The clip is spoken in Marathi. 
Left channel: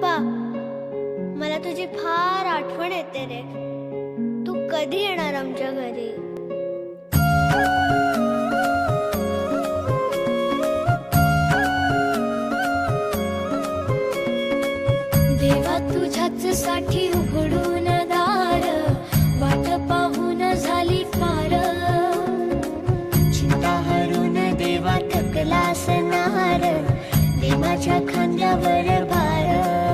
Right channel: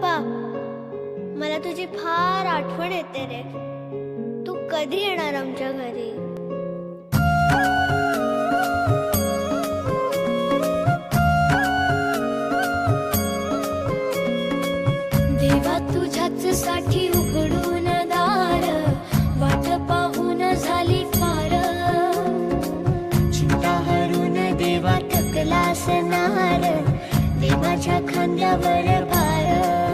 पप्पा, मला तुझी फार आठवण येते रे. तू कधी येणार आमच्या घरी? देवा तुझ्याच साठी उघडून दार, वाट पाहून झाली फार. चिंता हरून देवा थकला असणार, दे माझ्या खांद्यावर भार.